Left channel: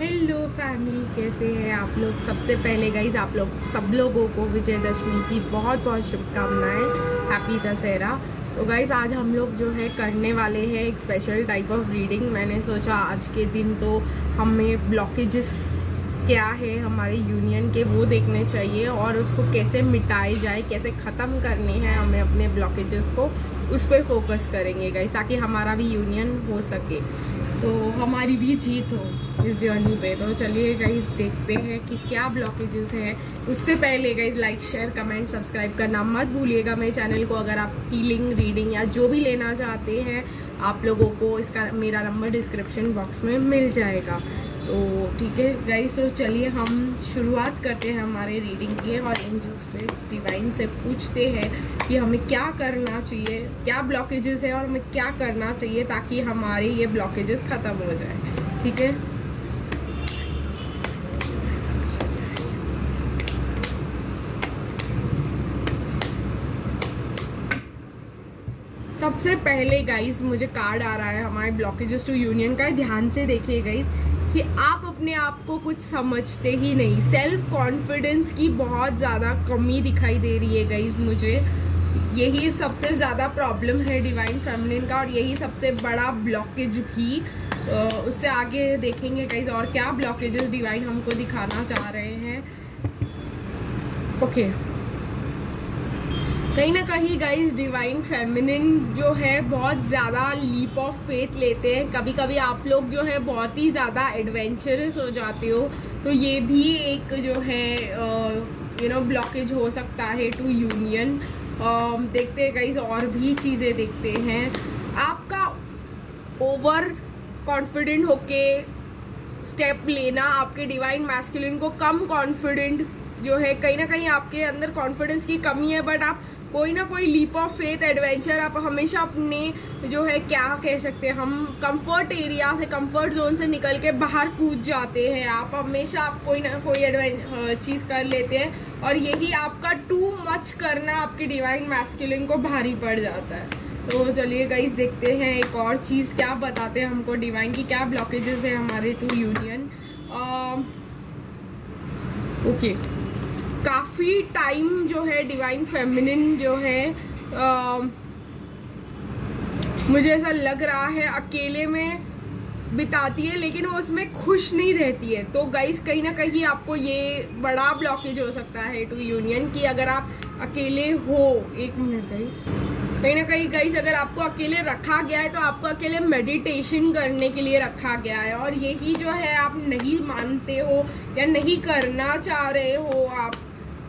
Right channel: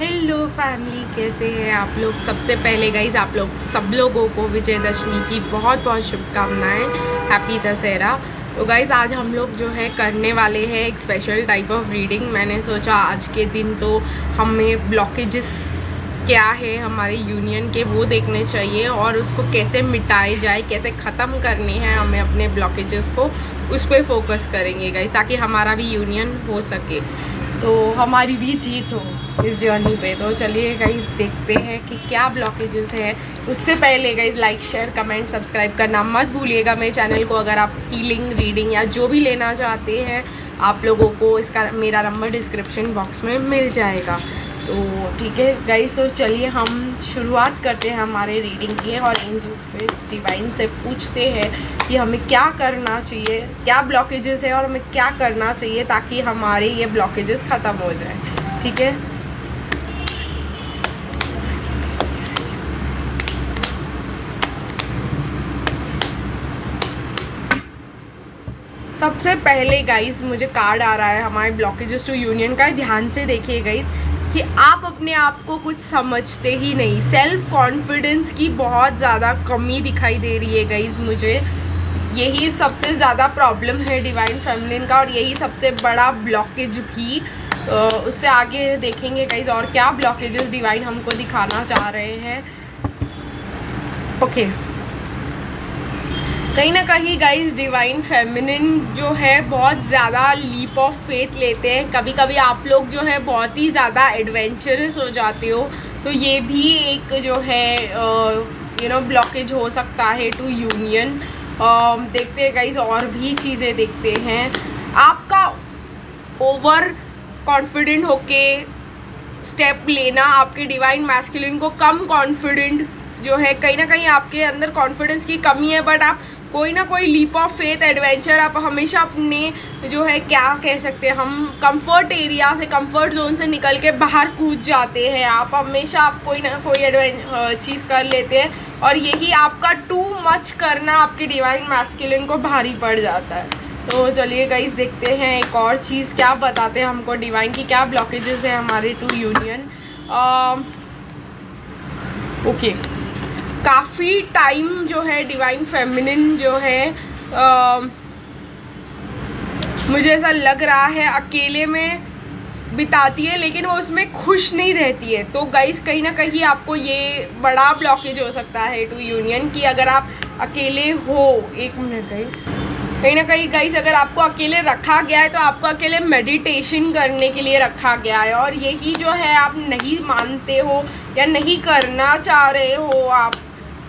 Hello family, कैसे हैं आप लोग। सबसे पहले गाइज आप लोग सब लोगों को विजयदशमी की बहुत बहुत शुभकामनाएं। हैप्पी दशहरा। तो गाइज आज हम लोग जो है करने वाले हैं एक स्पेशल टाइप ऑफ रीडिंग। मैंने सोचा आज के दिन तो हमें ब्लॉकेजेस क्या है हमारे यूनियन के वो देखने चाहिए और उसको कैसे मिटाए जाए, कैसे ख़त्म करने हैं हमें अपने ब्लॉकेजेस को, उस पर फोकस करेंगे गाइज, ताकि हमारा भी यूनियन हो सके, तो हमारी भी जीत हो इस जर्नी पे। तो चलिए गाइज देखते हैं कि क्या ब्लॉकेजेस है। उससे पहले guys like share comment subscribe करना मत भूलिएगा मेरे चैनल को। अगर आप हीलिंग रीडिंग या जो भी लेना चाहते हैं आप लोगों को इसका मेरा नंबर डिस्क्रिप्शन बॉक्स में मिल जाएगा। तो ठीक है गाइज, तो चलिए हम शुरुआत करते हैं हमारे रीडिंग की और एंजल स्पिरिट्स डिवाइन से पूछते हैं कि हमें क्या करना चाहिए, क्या ब्लॉकेजेस है और हमें क्या करना चाहिए ताकि हमारे ये ब्लॉकेजेस ख़त्म हो जाए। ठीक है, सबसे पहले गाइज मुझे कार्ड आ रहा है हमारे ब्लॉकेजेस टू यूनियन का। ध्यान से देखिए गाइज कि आप अपने आप को कुछ समझते ही नहीं। सेल्फ कॉन्फिडेंस की बहुत ज़्यादा कमी दिखाई दे रही है गाइज मुझे। यही सबसे ज़्यादा प्रॉब्लम है डिवाइन फेमिनिन का और यही सबसे बड़ा ब्लॉकेज भी। उससे आगे देखेंगे गाइज और क्या ब्लॉकेजेस डिवाइन हमको दिखाना चाह रहे हैं। ओके, कहीं ना कहीं गाइज डिवाइन फेमिनिन जो है बहुत ज़्यादा लीप ऑफ फेथ लेते हैं। कभी कभी आप लोग जो है बहुत ही ज़्यादा एडवेंचरस हो जाते हो, तो ये भी एक जो है ब्लॉकेज हो सकता है टू यूनियन। देखते हैं गाइज और भी चीज़ें देखते हैं। आपका ओवर कॉन्फिडेंट होके स्टेप लेना आपके डिवाइन मैस्कुलिन को कम कॉन्फिडेंट जो है, कहीं ना कहीं आपके अंदर कॉन्फिडेंस की कमी है, बट आप कोई ना कोई लीप ऑफ फेथ एडवेंचर आप हमेशा अपने जो है क्या कह सकते हैं, हम कंफर्ट एरिया से, कंफर्ट जोन से निकल के बाहर कूद जाते हैं। आप हमेशा आप कोई ना कोई चीज़ कर लेते हैं और यही आपका टू मच करना आपके डिवाइन मैस्कुलिन को भारी पड़ जाता है। तो चलिए गाइस देखते हैं एक और चीज़ क्या बताते हैं हमको डिवाइन की, क्या ब्लॉकेजेस है हमारे टू यूनियन। ओके, काफ़ी टाइम जो है डिवाइन फेमिनिन जो है मुझे ऐसा लग रहा है अकेले में बिताती है, लेकिन वो उसमें खुश नहीं रहती है। तो गाइस कहीं ना कहीं आपको ये बड़ा ब्लॉकेज हो सकता है टू यूनियन की अगर आप अकेले हो। एक मिनट गाइस, कहीं ना कहीं गाइस अगर आपको अकेले रखा गया है तो आपको अकेले मेडिटेशन करने के लिए रखा गया है और यही जो है आप नहीं मानते हो या नहीं करना चाह रहे हो आप,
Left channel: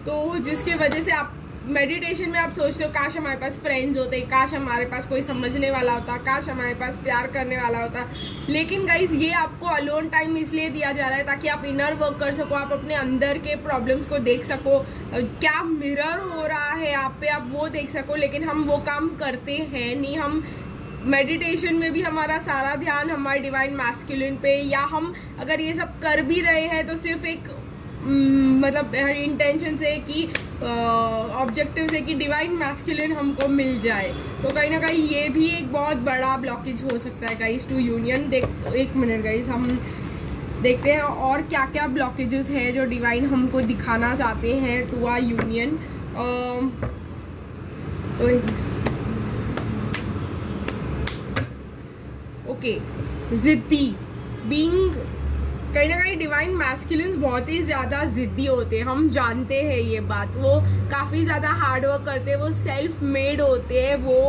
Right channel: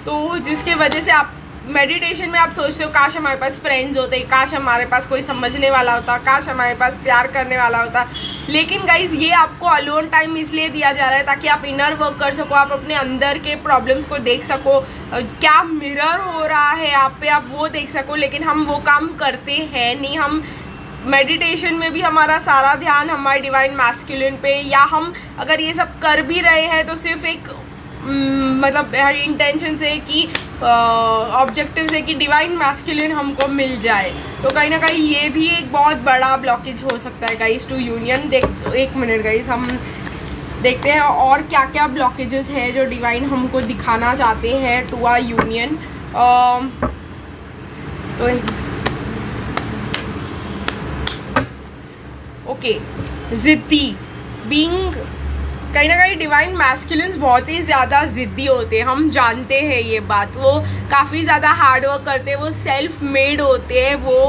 तो जिसके वजह से आप मेडिटेशन में आप सोचते हो काश हमारे पास फ्रेंड्स होते, काश हमारे पास कोई समझने वाला होता, काश हमारे पास प्यार करने वाला होता। लेकिन गाइज ये आपको अलोन टाइम इसलिए दिया जा रहा है ताकि आप इनर वर्क कर सको, आप अपने अंदर के प्रॉब्लम्स को देख सको, क्या मिरर हो रहा है आप पे आप वो देख सको। लेकिन हम वो काम करते हैं नहीं। हम मेडिटेशन में भी हमारा सारा ध्यान हमारे डिवाइन मैस्कुलिन पे, या हम अगर ये सब कर भी रहे हैं तो सिर्फ एक मतलब इंटेंशन से कि ऑब्जेक्टिव से कि डिवाइन मैस्कुलिन हमको मिल जाए। तो कहीं ना कहीं ये भी एक बहुत बड़ा ब्लॉकेज हो सकता है गाइस टू यूनियन। एक मिनट गाइस, हम देखते हैं और क्या क्या ब्लॉकेजेस है जो डिवाइन हमको दिखाना चाहते हैं टू आवर यूनियन। तो ओके, जिद्दी बीइंग, कहीं ना कहीं डिवाइन मैस्कुलिन्स बहुत ही ज़्यादा ज़िद्दी होते हैं, हम जानते हैं ये बात। वो काफ़ी ज़्यादा हार्ड वर्क करते हैं, वो सेल्फ मेड होते हैं, वो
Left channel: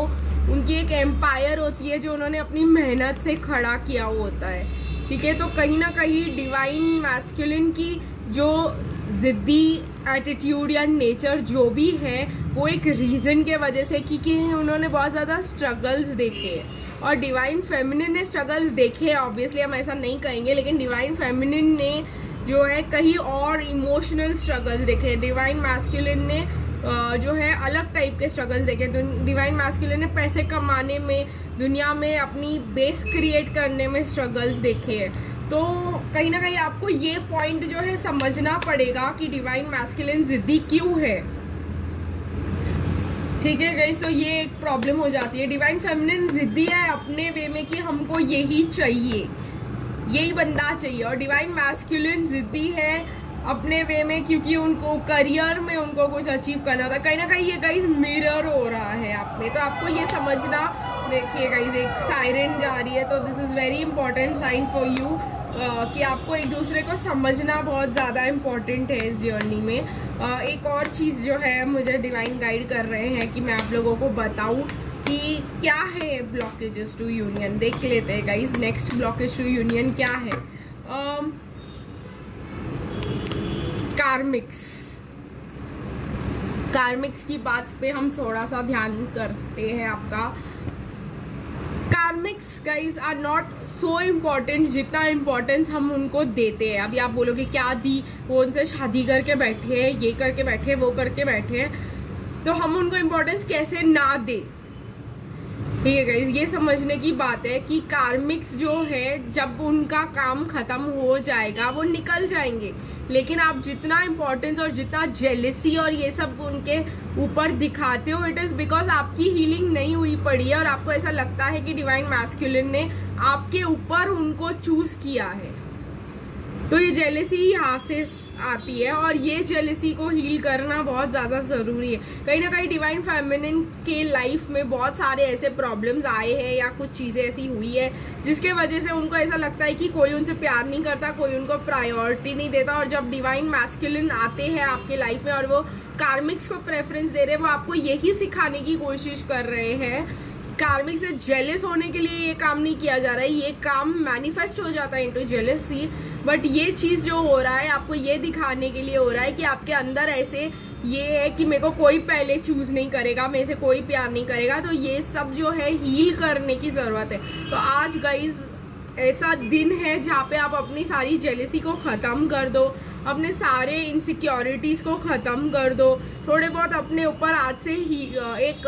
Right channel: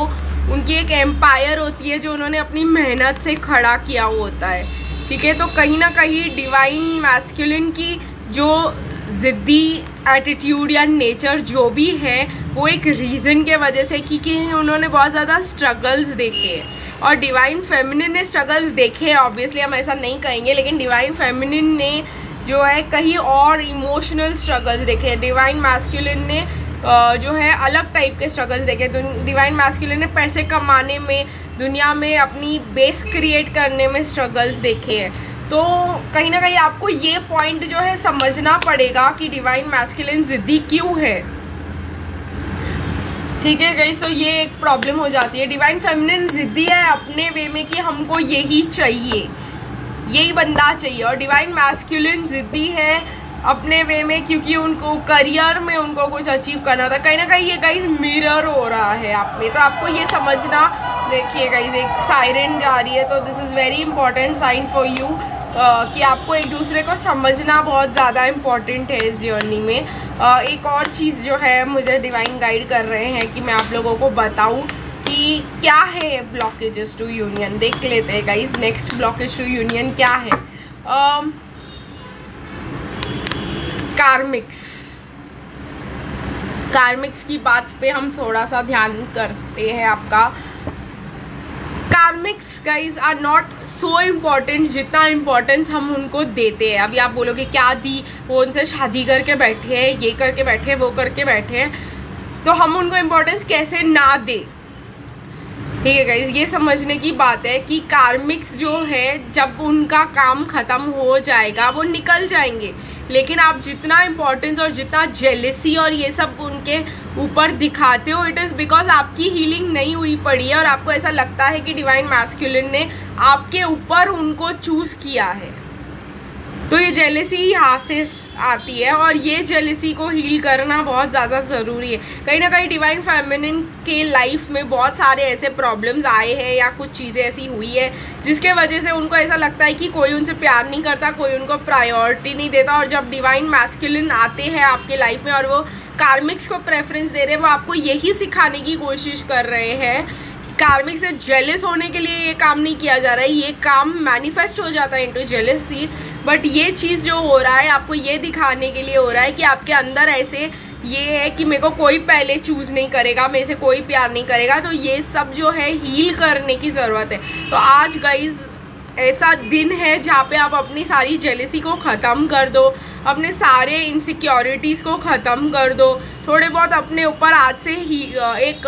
उनकी एक एम्पायर होती है जो उन्होंने अपनी मेहनत से खड़ा किया होता है। ठीक है, तो कहीं ना कहीं डिवाइन मैस्कुलिन की जो ज़िद्दी एटीट्यूड या नेचर जो भी है वो एक रीज़न के वजह से कि उन्होंने बहुत ज़्यादा स्ट्रगल्स देखे हैं और डिवाइन फेमिनिन ने स्ट्रगल्स देखे हैं। ऑब्वियसली हम ऐसा नहीं कहेंगे, लेकिन डिवाइन फेमिनिन ने जो है कहीं और इमोशनल स्ट्रगल्स देखे हैं। डिवाइन मैस्कुलिन ने जो है अलग टाइप के स्ट्रगल्स देखे। डिवाइन मैस्कुलिन ने पैसे कमाने में, दुनिया में अपनी बेस क्रिएट करने में स्ट्रगल्स देखे हैं। तो कहीं ना कहीं आपको ये पॉइंट जो है समझना पड़ेगा कि डिवाइन मैस्कुलिन जिद्दी क्यों है। ठीक है गाइस, तो ये एक प्रॉब्लम हो जाती है। डिवाइन फेमिनिन जिद्दी है अपने वे में कि हमको यही चाहिए, यही बंदा चाहिए। और डिवाइन मैस्कुलिन जिद्दी है अपने वे में, क्योंकि उनको करियर में उनको कुछ अचीव करना होता है। कहीं ना कहीं ये गाइस मिरर हो रहा है आप में, तो आपको ये समझना। देखिए गाइस एक साइरन जा रही है, तो this is very important sign for you कि आपको एक दूसरे को समझना बहुत ज़्यादा इम्पॉर्टेंट है इस जर्नी में। एक और चीज़ जो है मुझे डिवाइन गाइड कर रहे हैं कि मैं आप लोगों को बताऊँ कि क्या है ब्लॉकेजेस टू यूनियन। देख लेते हैं guys next blockage to union क्या है। कार्मिक्स की बात पे हम थोड़ा सा ध्यान करते हैं आपका। Karmics guys are not so important जितना इम्पोर्टेंस हम उनको देते हैं। अभी आप बोलोगे क्या दी, वो उनसे शादी करके बैठे हैं, ये करके बैठे हैं, वो करके बैठे हैं, तो हम उनको इम्पोर्टेंस कैसे ना दे। ठीक है गाइज, ये समझने की बात है कि कार्मिक्स जो है जब उनका काम खत्म हो जाएगा वो निकल जाएंगे, लेकिन आप जितना इम्पोर्टेंस और जितना जेलेसी और ये सब उनके ऊपर दिखाते हो, इट इज़ बिकॉज आपकी हीलिंग नहीं हुई पड़ी है और आपको ऐसा लगता है कि डिवाइन मैस्कुलिन ने आपके ऊपर उनको चूज किया है। तो ये जेलेसी यहाँ से आती है और ये जेलेसी को हील करना बहुत ज़्यादा ज़रूरी है। कहीं ना कहीं डिवाइन फेमिनिन के लाइफ में बहुत सारे ऐसे प्रॉब्लम्स आए हैं या कुछ चीज़ें ऐसी हुई है जिसके वजह से उनको ऐसा लगता है कि कोई उनसे प्यार नहीं करता, कोई उनको प्रायोरिटी नहीं देता। और जब डिवाइन मैस्कुलिन आते हैं आपके लाइफ में और वो कार्मिक्स को प्रेफरेंस दे रहे हैं, वो आपको यही सिखाने की कोशिश कर रहे हैं। कार्मिक से जेलस होने के लिए ये काम नहीं किया जा रहा है, ये काम मैनिफेस्ट हो जाता है इनटू जेलसी। बट ये चीज़ जो हो रहा है आपको ये दिखाने के लिए हो रहा है कि आपके अंदर ऐसे ये है कि मेरे को कोई पहले चूज नहीं करेगा, मेरे से कोई प्यार नहीं करेगा। तो ये सब जो है हील करने की ज़रूरत है। तो आज गाइज ऐसा दिन है जहाँ पे आप अपनी सारी जेलसी को ख़त्म कर दो, अपने सारे इनसिक्योरिटीज़ को ख़त्म कर दो, थोड़े बहुत अपने ऊपर आज से ही एक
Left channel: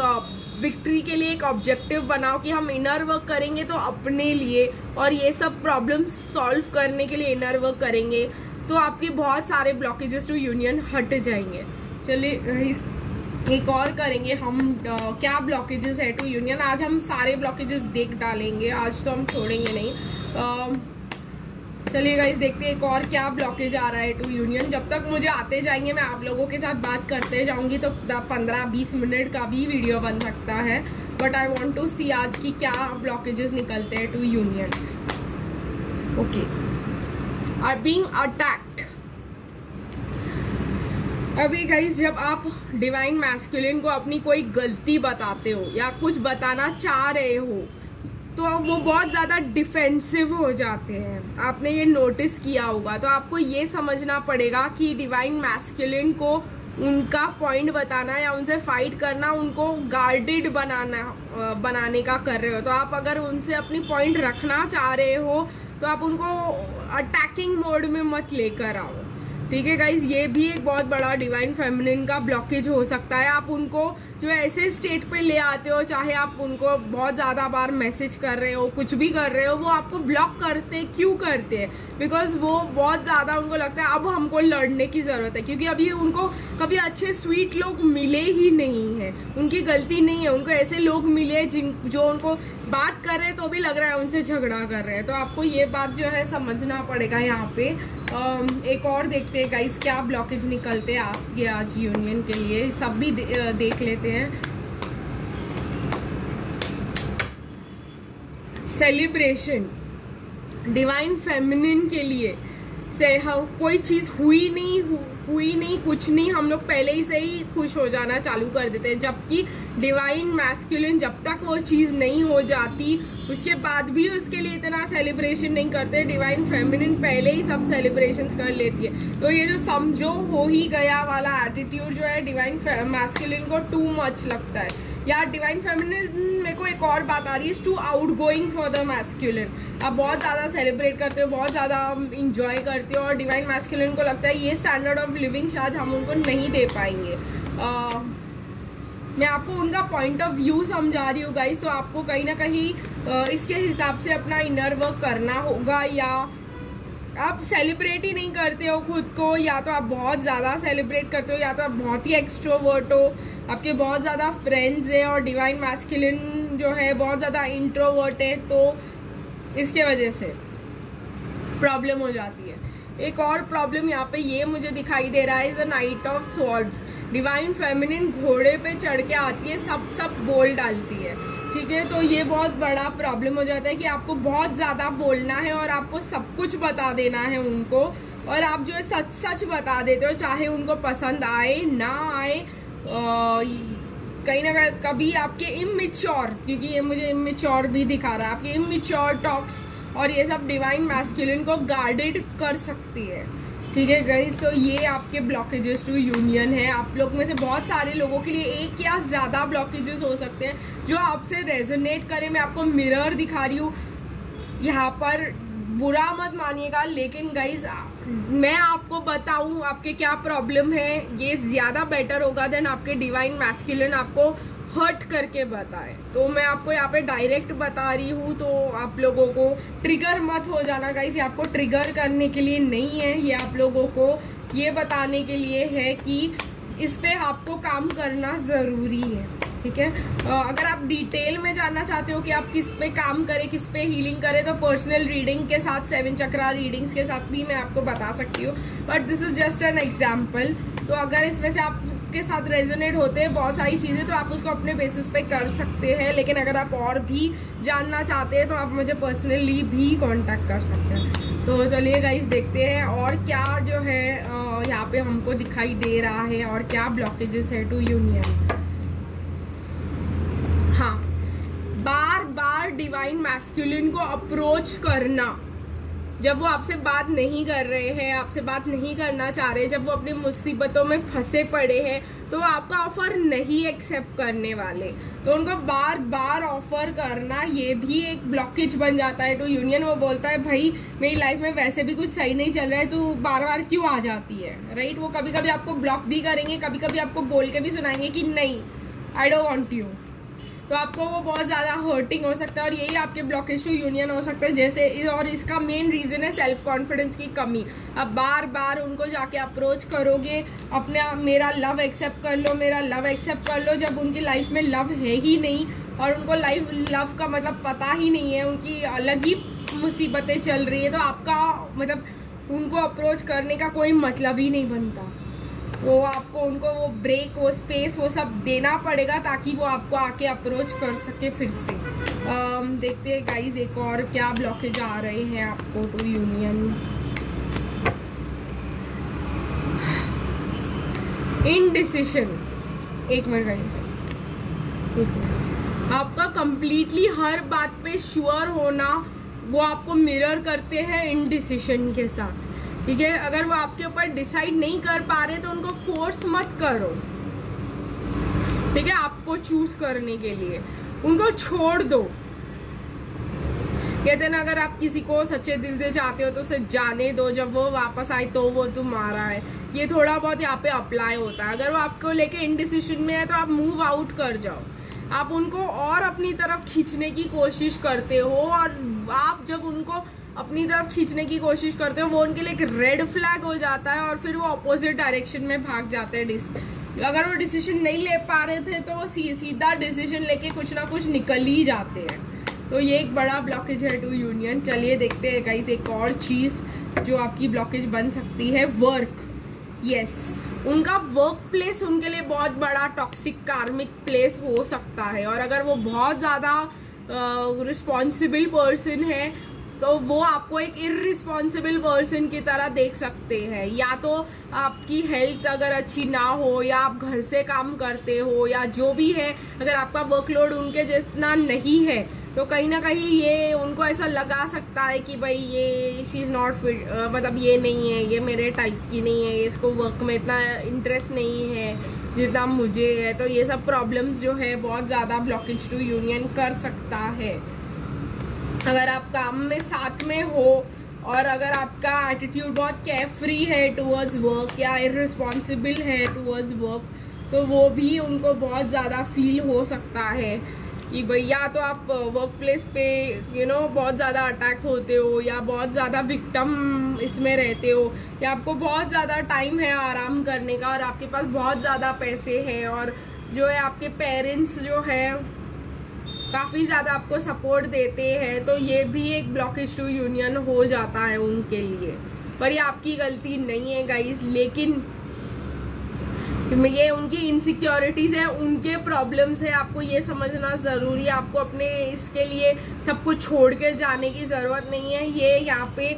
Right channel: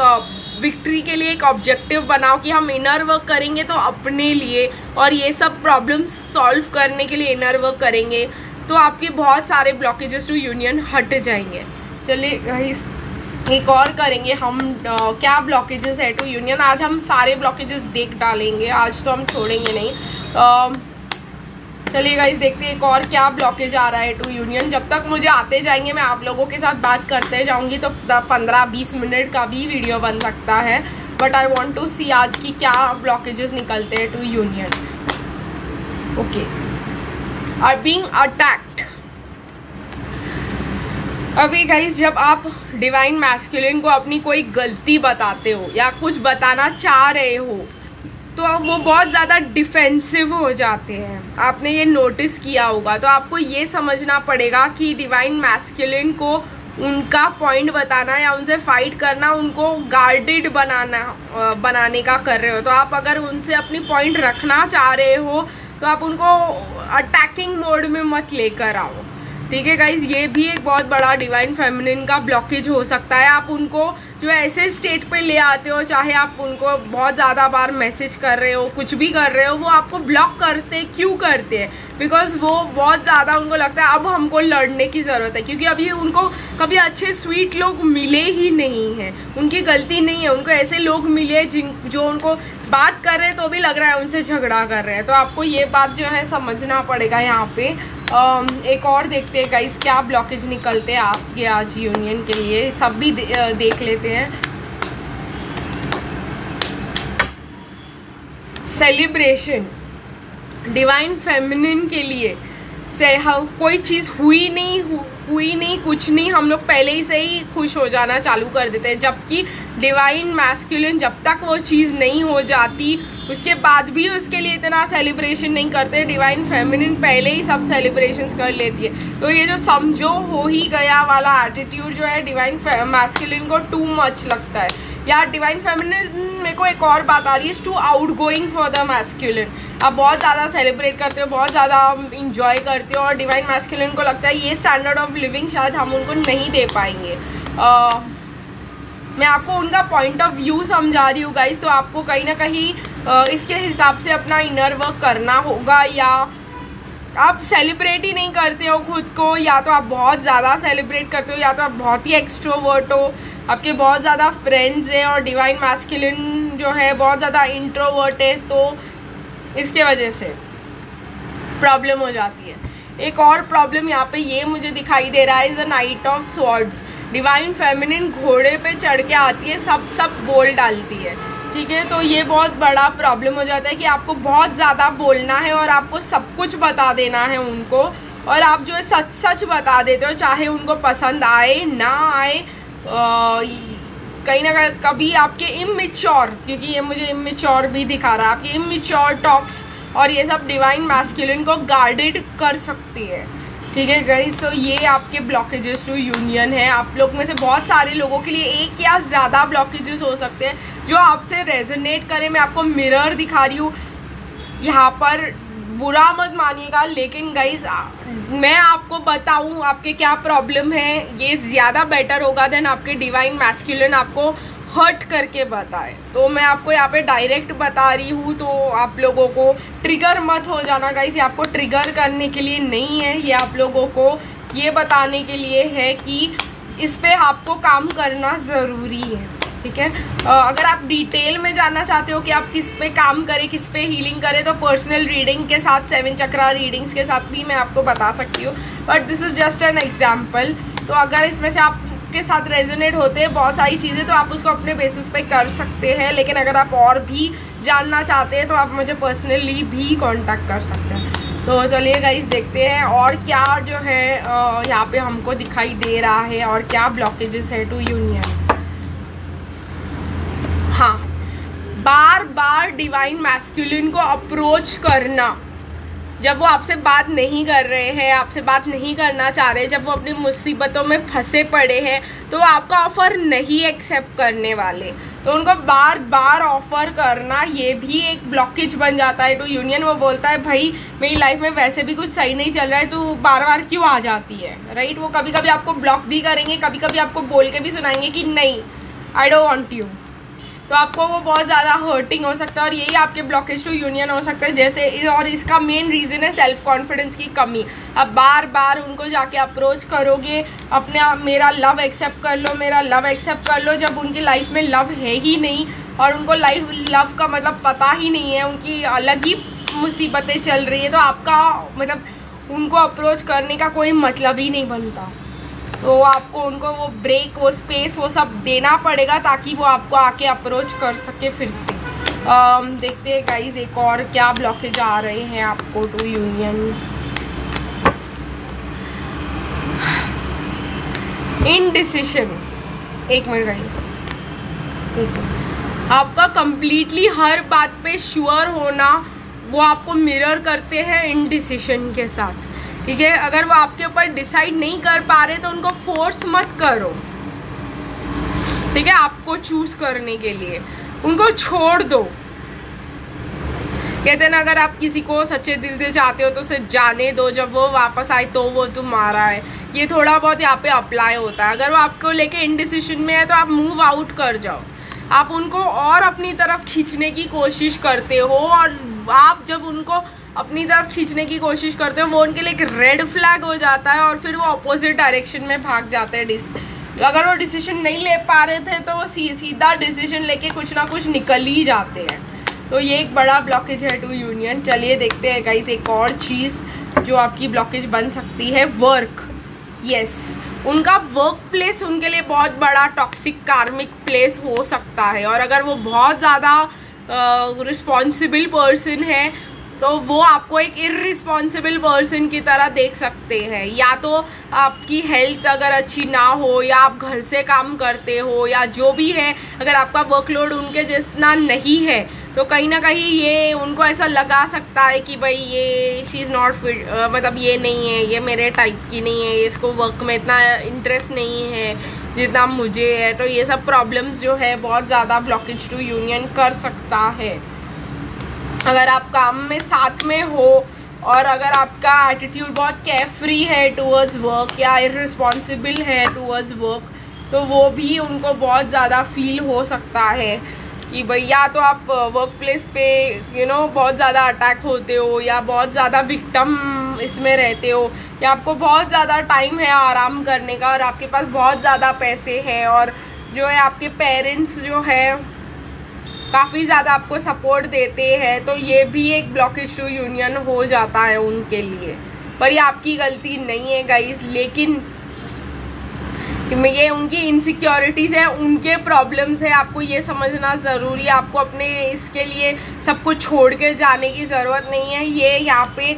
विक्ट्री के लिए एक ऑब्जेक्टिव बनाओ कि हम इनर वर्क करेंगे तो अपने लिए, और ये सब प्रॉब्लम्स सॉल्व करने के लिए इनर वर्क करेंगे तो आपके बहुत सारे ब्लॉकेजेस टू यूनियन हट जाएंगे। चलिए गाइस एक और करेंगे हम क्या ब्लॉकेजेस है टू यूनियन। आज हम सारे ब्लॉकेजेस देख डालेंगे, आज तो हम छोड़ेंगे नहीं। चलिए गाइस देखते हैं एक और क्या ब्लॉकेज आ रहा है टू यूनियन। जब तक मुझे आते जाएंगे मैं आप लोगों के साथ बात करते जाऊंगी, तो 15-20 मिनट का भी वीडियो बन सकता है। But I want to see आज की क्या ब्लॉकेजेस निकलते हैं to union. Okay, are being attacked. अभी गाइस जब आप डिवाइन मैस्कुलिन को अपनी कोई गलती बताते हो या कुछ बताना चाह रहे हो तो वो बहुत ज़्यादा डिफेंसिव हो जाते हैं। आपने ये नोटिस किया होगा। तो आपको ये समझना पड़ेगा कि डिवाइन मैस्कुलिन को उनका पॉइंट बताना या उनसे फाइट करना, उनको गार्डेड बनाने का कर रहे हो। तो आप अगर उनसे अपनी पॉइंट रखना चाह रहे हो तो आप उनको अटैकिंग मोड में मत लेकर आओ। ठीक है गाइज, ये भी एक बहुत बड़ा डिवाइन फेमिनिन का ब्लॉकेज हो सकता है। आप उनको जो ऐसे स्टेट पे ले आते हो, चाहे आप उनको बहुत ज़्यादा बार मैसेज कर रहे हो, कुछ भी कर रहे हो, वो आपको ब्लॉक करते क्यों करते हैं? बिकॉज वो बहुत ज़्यादा उनको लगता है अब हमको लड़ने की ज़रूरत है, क्योंकि अभी उनको कभी अच्छे स्वीट लोग मिले ही नहीं हैं। उनकी गलती नहीं है, उनको ऐसे लोग मिले जो उनको बात कर रहे हैं तो भी लग रहा है उनसे झगड़ा कर रहे हैं। तो आपको ये बात जो है समझना पड़ेगा यहाँ पे। एक और देखते हैं गाइस क्या ब्लॉकेज निकलते हैं आपके आज यूनियन के लिए, सब भी देख लेते हैं। सेलिब्रेशन डिवाइन फेमिनिन के लिए कोई चीज़ हुई नहीं कुछ नहीं, हम लोग पहले ही से ही खुश हो जाना चालू कर देते हैं। जबकि डिवाइन मैस्कुलिन जब तक वो चीज़ नहीं हो जाती उसके बाद भी उसके लिए इतना सेलिब्रेशन नहीं करते। डिवाइन फेमिनिन पहले ही सब सेलिब्रेशंस कर लेती है। तो ये जो समझो हो ही गया वाला एटीट्यूड जो है डिवाइन मैस्कुलिन को टू मच लगता है। यार डिवाइन फेमिनिन मेरे को एक और बात आ रही है, too outgoing for the masculine. आप बहुत ज़्यादा सेलिब्रेट करते हो, बहुत ज़्यादा इंजॉय करते हो, और डिवाइन मैस्कुलिन को लगता है ये स्टैंडर्ड ऑफ लिविंग शायद हम उनको नहीं दे पाएंगे। मैं आपको उनका पॉइंट ऑफ व्यू समझा रही हूँ गाइस, तो आपको कहीं ना कहीं इसके हिसाब से अपना इनर वर्क करना होगा। या आप सेलिब्रेट ही नहीं करते हो खुद को, या तो आप बहुत ज़्यादा सेलिब्रेट करते हो, या तो आप बहुत ही एक्सट्रोवर्ट हो, आपके बहुत ज़्यादा फ्रेंड्स हैं, और डिवाइन मैस्कुलिन जो है बहुत ज़्यादा इंट्रोवर्ट है। तो इसके वजह से प्रॉब्लम हो जाती है। एक और प्रॉब्लम यहाँ पे ये मुझे दिखाई दे रहा है, is the night of swords. Divine feminine घोड़े पे चढ़ के आती है, सब बोल डालती है, ठीक है। तो ये बहुत बड़ा प्रॉब्लम हो जाता है कि आपको बहुत ज़्यादा बोलना है और आपको सब कुछ बता देना है उनको, और आप जो है सच बता देते हो, चाहे उनको पसंद आए ना आए। कहीं ना कभी आपके इमेच्योर, क्योंकि ये मुझे इमेच्योर भी दिखा रहा है, आपके इमेच्योर टॉक्स और ये सब डिवाइन मैस्कुलिन को गार्डेड कर सकती है, ठीक है गाइस। तो ये आपके ब्लॉकेजेस टू यूनियन है। आप लोग में से बहुत सारे लोगों के लिए एक या ज़्यादा ब्लॉकेजेस हो सकते हैं जो आपसे रेजोनेट करें। मैं आपको मिरर दिखा रही हूँ यहाँ पर, बुरा मत मानिएगा, लेकिन गाइज मैं आपको बताऊं आपके क्या प्रॉब्लम है, ये ज़्यादा बेटर होगा देन आपके डिवाइन मैस्कुलिन आपको हर्ट करके बताए। तो मैं आपको यहाँ पे डायरेक्ट बता रही हूँ, तो आप लोगों को ट्रिगर मत हो जाना गाइस। ये आपको ट्रिगर करने के लिए नहीं है, ये आप लोगों को ये बताने के लिए है कि इस पे आपको काम करना ज़रूरी है, ठीक है। अगर आप डिटेल में जानना चाहते हो कि आप किस पे काम करें, किस पे हीलिंग करें, तो पर्सनल रीडिंग के साथ 7 चक्रा रीडिंग्स के साथ भी मैं आपको बता सकती हूँ, but this is just an example. तो अगर इसमें से आपके साथ रेजोनेट होते हैं बहुत सारी चीज़ें, तो आप उसको अपने बेसिस पे कर सकते हैं। लेकिन अगर आप और भी जानना चाहते हैं तो आप मुझे पर्सनली भी कॉन्टैक्ट कर सकते हैं। तो चलिए गाइस देखते हैं और क्या जो है यहाँ पे हमको दिखाई दे रहा है और क्या ब्लॉकेजेस है टू यूनियन। हाँ, बार बार डिवाइन मैस्कुलिन को अप्रोच करना, जब वो आपसे बात नहीं कर रहे हैं, आपसे बात नहीं करना चाह रहे, जब वो अपनी मुसीबतों में फंसे पड़े हैं, तो आपका ऑफर नहीं एक्सेप्ट करने वाले, तो उनको बार बार ऑफर करना ये भी एक ब्लॉकेज बन जाता है टू यूनियन। वो बोलता है भाई मेरी लाइफ में वैसे भी कुछ सही नहीं चल रहा है, तू बार बार क्यों आ जाती है, राइट। वो कभी कभी आपको ब्लॉक भी करेंगे, कभी कभी आपको बोल के भी सुनाएंगे कि नहीं आई डोंट वांट यू, तो आपको वो बहुत ज़्यादा हर्टिंग हो सकता है और यही आपके ब्लॉकेज टू यूनियन हो सकता है। जैसे और इसका मेन रीज़न है सेल्फ कॉन्फिडेंस की कमी। अब बार बार उनको जाके अप्रोच करोगे, अपने मेरा लव एक्सेप्ट कर लो, मेरा लव एक्सेप्ट कर लो, जब उनकी लाइफ में लव है ही नहीं और उनको लव का मतलब पता ही नहीं है, उनकी अलग ही मुसीबतें चल रही है, तो आपका मतलब उनको अप्रोच करने का कोई मतलब ही नहीं बनता। तो आपको उनको वो ब्रेक, वो स्पेस, वो सब देना पड़ेगा ताकि वो आपको आके अप्रोच कर सके फिर से। देखते हैं गाइस एक और क्या ब्लॉकेज आ रहे हैं आपको टू यूनियन। इनडिसिशन, एक मिनट गाइस, आपका कंप्लीटली हर बात पे श्योर होना वो आपको मिरर करते हैं इनडिसिशन के साथ, ठीक है। अगर वो आपके ऊपर डिसाइड नहीं कर पा रहे तो उनको फोर्स मत करो, ठीक है। आपको चूज करने के लिए उनको छोड़ दो। कहते हैं ना, अगर आप किसी को सच्चे दिल से चाहते हो तो उसे जाने दो, जब वो वापस आए तो वो तुम्हारा है। ये थोड़ा बहुत यहाँ पे अप्लाई होता है। अगर वो आपको लेके इनडिसिशन में है तो आप मूव आउट कर जाओ। आप उनको और अपनी तरफ खींचने की कोशिश करते हो, और आप जब उनको अपनी तरफ खींचने की कोशिश करते हो वो उनके लिए एक रेड फ्लैग हो जाता है और फिर वो अपोजिट डायरेक्शन में भाग जाते हैं। अगर वो डिसीजन नहीं ले पा रहे थे तो वो सीधा डिसीजन लेके कुछ ना कुछ निकल ही जाते हैं। तो ये एक बड़ा ब्लॉकेज है टू यूनियन। चलिए देखते हैं गाइस एक और चीज़ जो आपकी ब्लॉकेज बन सकती है, वर्क। यस, उनका वर्क प्लेस उनके लिए बहुत बड़ा टॉक्सिक कार्मिक प्लेस हो सकता है, और अगर वो बहुत ज़्यादा रिस्पॉन्सिबल पर्सन है तो वो आपको एक इररिस्पॉन्सिबल पर्सन की तरह देख सकते हैं। या तो आपकी हेल्थ अगर अच्छी ना हो, या आप घर से काम करते हो, या जो भी है, अगर आपका वर्कलोड उनके जितना नहीं है तो कहीं ना कहीं ये उनको ऐसा लगा सकता है कि भाई ये शी इज़ नॉट फिट, मतलब ये नहीं है, ये मेरे टाइप की नहीं है, इसको वर्क में इतना इंटरेस्ट नहीं है जितना मुझे है। तो ये सब प्रॉब्लम्स जो है बहुत ज़्यादा ब्लॉकेज टू यूनियन कर सकता है। अगर आप काम में साथ में हो और अगर आपका एटीट्यूड बहुत केयरफ्री है टूवर्ड्स वर्क या इररिस्पॉन्सिबल है टूवर्ड्स वर्क, तो वो भी उनको बहुत ज़्यादा फील हो सकता है कि भाई या तो आप वर्क प्लेस पे बहुत ज़्यादा अटैक होते हो, या बहुत ज़्यादा विक्टिम इसमें रहते हो, या आपको बहुत ज़्यादा टाइम है आराम करने का और आपके पास बहुत ज़्यादा पैसे हैं, और जो है आपके पेरेंट्स जो है काफ़ी ज़्यादा आपको सपोर्ट देते हैं, तो ये भी एक ब्लॉकेज टू यूनियन हो जाता है उनके लिए। पर ये आपकी गलती नहीं है गाइस, लेकिन ये उनकी इनसिक्योरिटीज़ है, उनके प्रॉब्लम्स है, आपको ये समझना ज़रूरी है। आपको अपने इसके लिए सब कुछ छोड़ के जाने की ज़रूरत नहीं है, ये यहाँ पे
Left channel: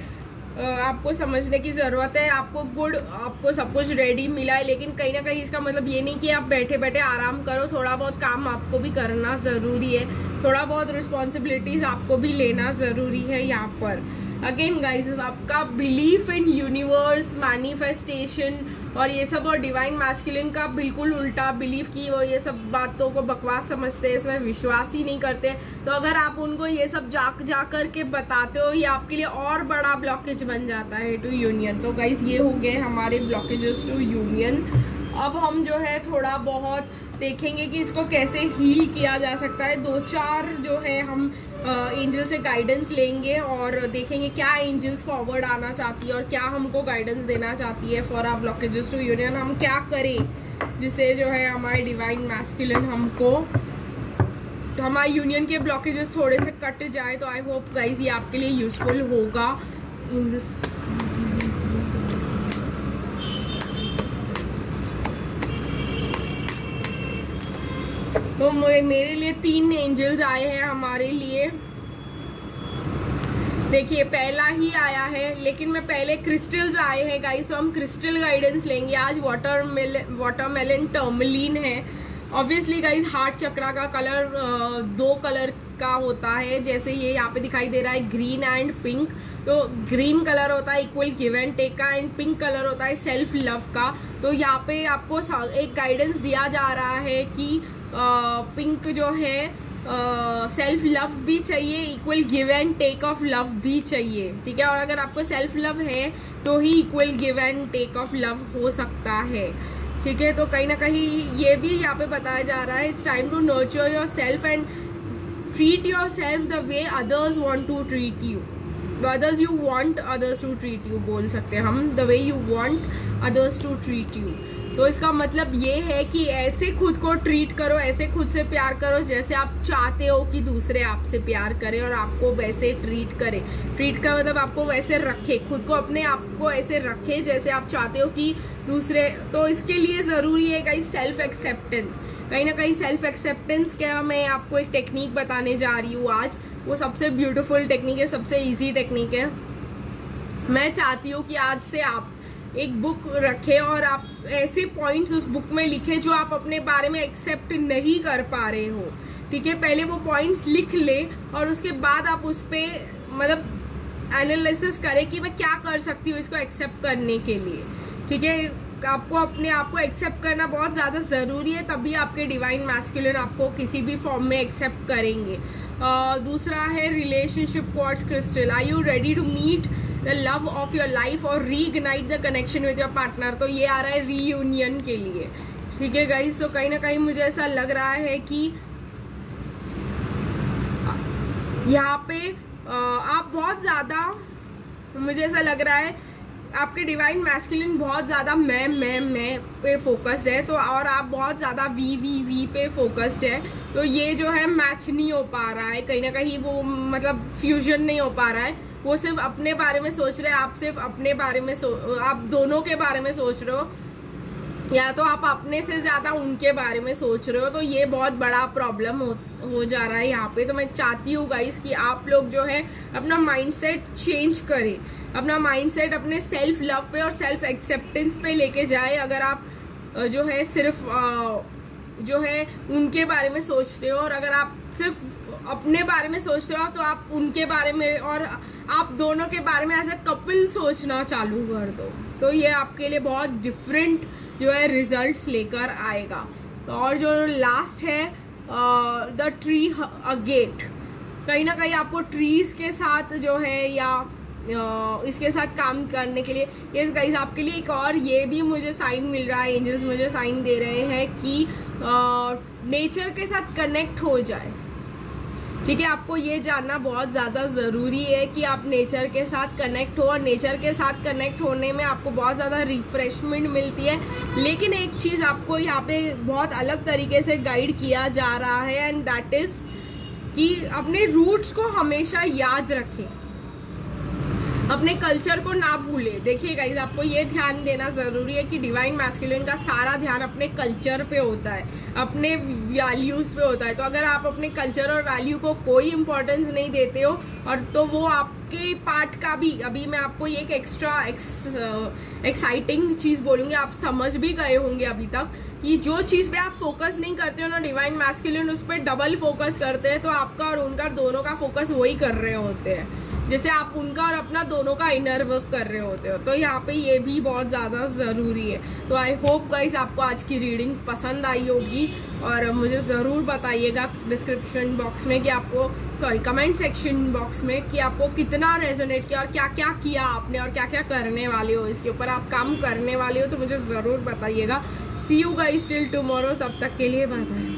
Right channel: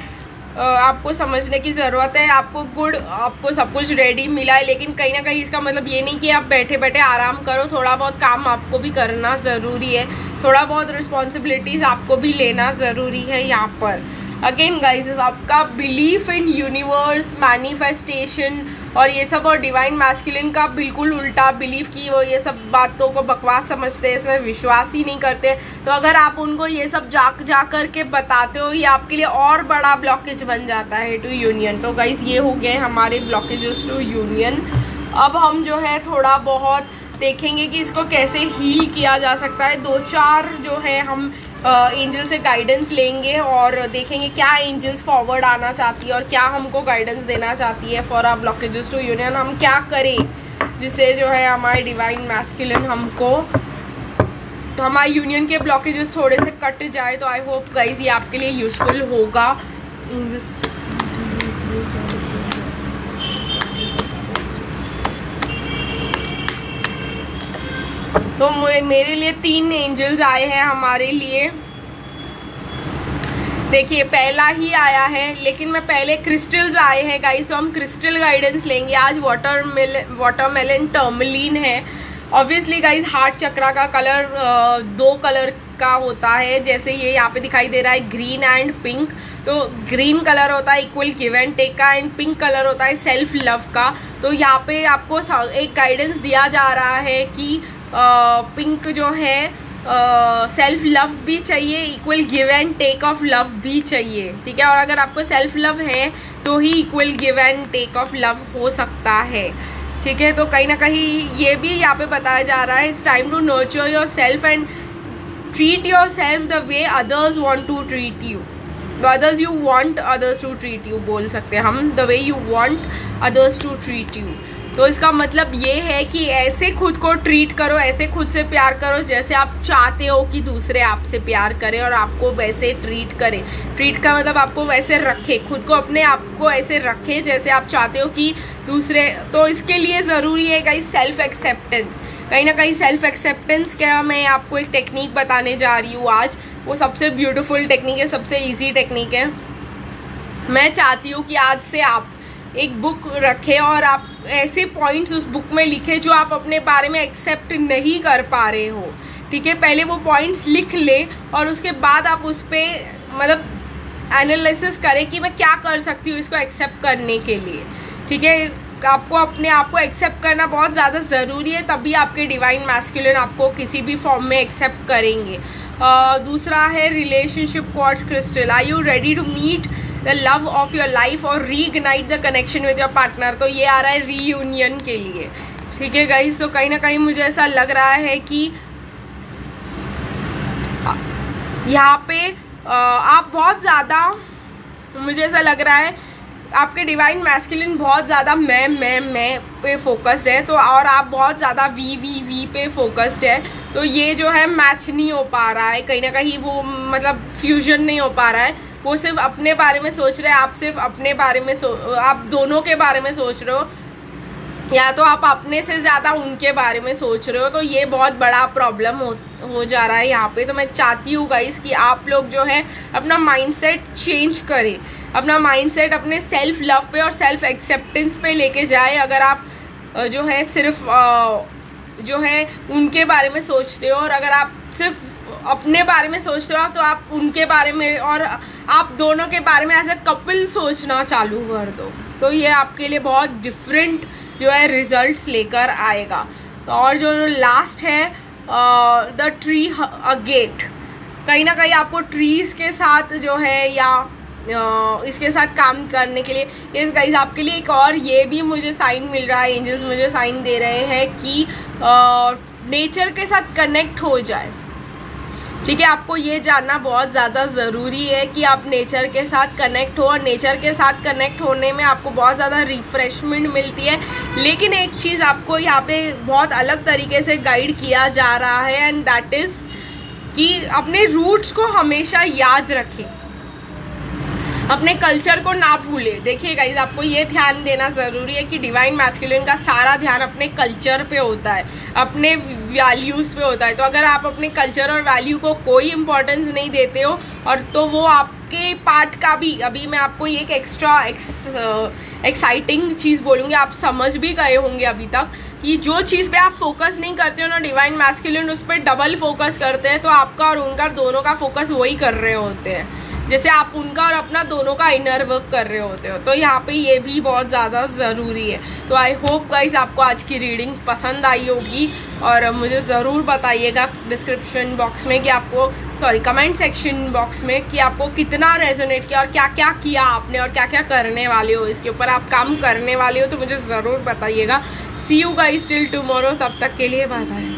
आपको समझने की ज़रूरत है। आपको सब कुछ रेडी मिला है, लेकिन कहीं ना कहीं इसका मतलब ये नहीं कि आप बैठे बैठे आराम करो। थोड़ा बहुत काम आपको भी करना ज़रूरी है, थोड़ा बहुत रिस्पॉन्सिबिलिटीज़ आपको भी लेना ज़रूरी है यहाँ पर। अगेन गाइज, आपका बिलीफ इन यूनिवर्स, मैनिफेस्टेशन और ये सब, और डिवाइन मैस्कुलिन का बिल्कुल उल्टा बिलीफ की वो ये सब बातों को बकवास समझते हैं, इसमें विश्वास ही नहीं करते। तो अगर आप उनको ये सब जा कर के बताते हो, ये आपके लिए और बड़ा ब्लॉकेज बन जाता है टू यूनियन। तो गाइज, ये हो गए हमारे ब्लॉकेजेस टू यूनियन। अब हम जो है थोड़ा बहुत देखेंगे कि इसको कैसे हील किया जा सकता है। 2-4 जो है हम एंजल से गाइडेंस लेंगे और देखेंगे क्या एंजल्स फॉरवर्ड आना चाहती है और क्या हमको गाइडेंस देना चाहती है for our blockages to union. हम क्या करें जिससे जो है हमारे डिवाइन मैस्कुलिन हमको, तो हमारे यूनियन के ब्लॉकेजेस थोड़े से कट जाए। तो आई होप गाइज ये आपके लिए यूजफुल होगा इन दिस। तो मेरे लिए 3 एंजल्स आए हैं हमारे लिए। देखिए, पहला ही आया है, लेकिन मैं पहले क्रिस्टल्स आए हैं गाइस, तो हम क्रिस्टल गाइडेंस लेंगे आज। वाटरमेलन टर्मलिन है। ऑब्वियसली गाइस, हार्ट चक्रा का कलर 2 कलर का होता है, जैसे ये यहाँ पे दिखाई दे रहा है, ग्रीन एंड पिंक। तो ग्रीन कलर होता है इक्वल गिव एंड टेक का, एंड पिंक कलर होता है सेल्फ लव का। तो यहाँ पे आपको एक गाइडेंस दिया जा रहा है कि पिंक जो है सेल्फ लव भी चाहिए, equal give and take of love भी चाहिए, ठीक है। और अगर आपको सेल्फ लव है तो ही equal give and take of love हो सकता है, ठीक है। तो कहीं ना कहीं ये भी यहाँ पे बताया जा रहा है, it's time to nurture yourself and treat yourself the way others want to treat you, others you want others to treat you बोल सकते हैं हम, the way you want others to treat you. तो इसका मतलब ये है कि ऐसे खुद को ट्रीट करो, ऐसे खुद से प्यार करो जैसे आप चाहते हो कि दूसरे आपसे प्यार करें और आपको वैसे ट्रीट करें। ट्रीट का मतलब आपको वैसे रखे, खुद को अपने आप को ऐसे रखे जैसे आप चाहते हो कि दूसरे। तो इसके लिए ज़रूरी है गाइस सेल्फ एक्सेप्टेंस। कहीं ना कहीं सेल्फ एक्सेप्टेंस क्या, मैं आपको एक टेक्निक बताने जा रही हूँ आज। वो सबसे ब्यूटीफुल टेक्निक है, सबसे ईजी टेक्निक है। मैं चाहती हूँ कि आज से आप एक बुक रखें और आप ऐसे पॉइंट्स उस बुक में लिखें जो आप अपने बारे में एक्सेप्ट नहीं कर पा रहे हो, ठीक है। पहले वो पॉइंट्स लिख ले और उसके बाद आप उस पर मतलब एनालिसिस करें कि मैं क्या कर सकती हूँ इसको एक्सेप्ट करने के लिए, ठीक है। आपको अपने आप को एक्सेप्ट करना बहुत ज़्यादा ज़रूरी है, तभी आपके डिवाइन मैस्कुलिन आपको किसी भी फॉर्म में एक्सेप्ट करेंगे। दूसरा है relationship quartz crystal. Are you ready to meet the love of your life और reignite the connection with your partner. तो ये आ रहा है रीयूनियन के लिए, ठीक है गाइस। तो कहीं ना कहीं मुझे ऐसा लग रहा है कि यहाँ पे आप बहुत ज़्यादा, मुझे ऐसा लग रहा है आपके डिवाइन मैस्कुलिन बहुत ज़्यादा मैं पे फोकस्ड है, तो और आप बहुत ज़्यादा वी पे फोकस्ड है। तो ये जो है मैच नहीं हो पा रहा है, कहीं ना कहीं वो मतलब फ्यूजन नहीं हो पा रहा है। वो सिर्फ अपने बारे में सोच रहे हैं, आप सिर्फ अपने बारे में आप दोनों के बारे में सोच रहे हो, या तो आप अपने से ज़्यादा उनके बारे में सोच रहे हो। तो ये बहुत बड़ा प्रॉब्लम हो जा रहा है यहाँ पे। तो मैं चाहती हूँ गाइस कि आप लोग जो है अपना माइंडसेट चेंज करें, अपना माइंडसेट अपने सेल्फ लव पे और सेल्फ एक्सेप्टेंस पे लेके जाए। अगर आप जो है सिर्फ जो है उनके बारे में सोचते हो, और अगर आप सिर्फ अपने बारे में सोचते हो तो आप उनके बारे में और आप दोनों के बारे में एज ए कपल सोचना चालू कर दो। तो ये आपके लिए बहुत डिफरेंट जो है रिजल्ट्स लेकर आएगा। और जो लास्ट है द ट्री अ गेट, कहीं ना कहीं आपको ट्रीज के साथ जो है या इसके साथ काम करने के लिए, इस गाइस आपके लिए एक और ये भी मुझे साइन मिल रहा है, एंजल्स मुझे साइन दे रहे हैं कि नेचर के साथ कनेक्ट हो जाए, ठीक है। आपको ये जानना बहुत ज़्यादा ज़रूरी है कि आप नेचर के साथ कनेक्ट हो, और नेचर के साथ कनेक्ट होने में आपको बहुत ज़्यादा रिफ्रेशमेंट मिलती है। लेकिन एक चीज़ आपको यहाँ पे बहुत अलग तरीके से गाइड किया जा रहा है, एंड दैट इज़ कि अपने रूट्स को हमेशा याद रखें, अपने कल्चर को ना भूले। देखिए गाइज, आपको ये ध्यान देना ज़रूरी है कि डिवाइन मैस्कुलिन का सारा ध्यान अपने कल्चर पे होता है, अपने वैल्यूज़ पे होता है। तो अगर आप अपने कल्चर और वैल्यू को कोई इम्पोर्टेंस नहीं देते हो, और तो वो आपके पार्ट का भी, अभी मैं आपको ये एक एक्स्ट्रा एक्साइटिंग चीज़ बोलूँगी, आप समझ भी गए होंगे अभी तक कि जो चीज़ पे आप फोकस नहीं करते हो ना, डिवाइन मैस्कुलिन उस पर डबल फोकस करते हैं। तो आपका और उनका दोनों का फोकस वही कर रहे होते हैं, जैसे आप उनका और अपना दोनों का इनर वर्क कर रहे होते हो। तो यहाँ पे ये भी बहुत ज़्यादा ज़रूरी है। तो आई होप गाइस आपको आज की रीडिंग पसंद आई होगी, और मुझे ज़रूर बताइएगा डिस्क्रिप्शन बॉक्स में कि आपको, कमेंट सेक्शन बॉक्स में कि आपको कितना रेजोनेट किया और क्या क्या किया आपने और क्या क्या करने वाले हो, इसके ऊपर आप काम करने वाले हो, तो मुझे ज़रूर बताइएगा। सी यू गाइस टिल टुमारो, तब तक के लिए बाय बाय।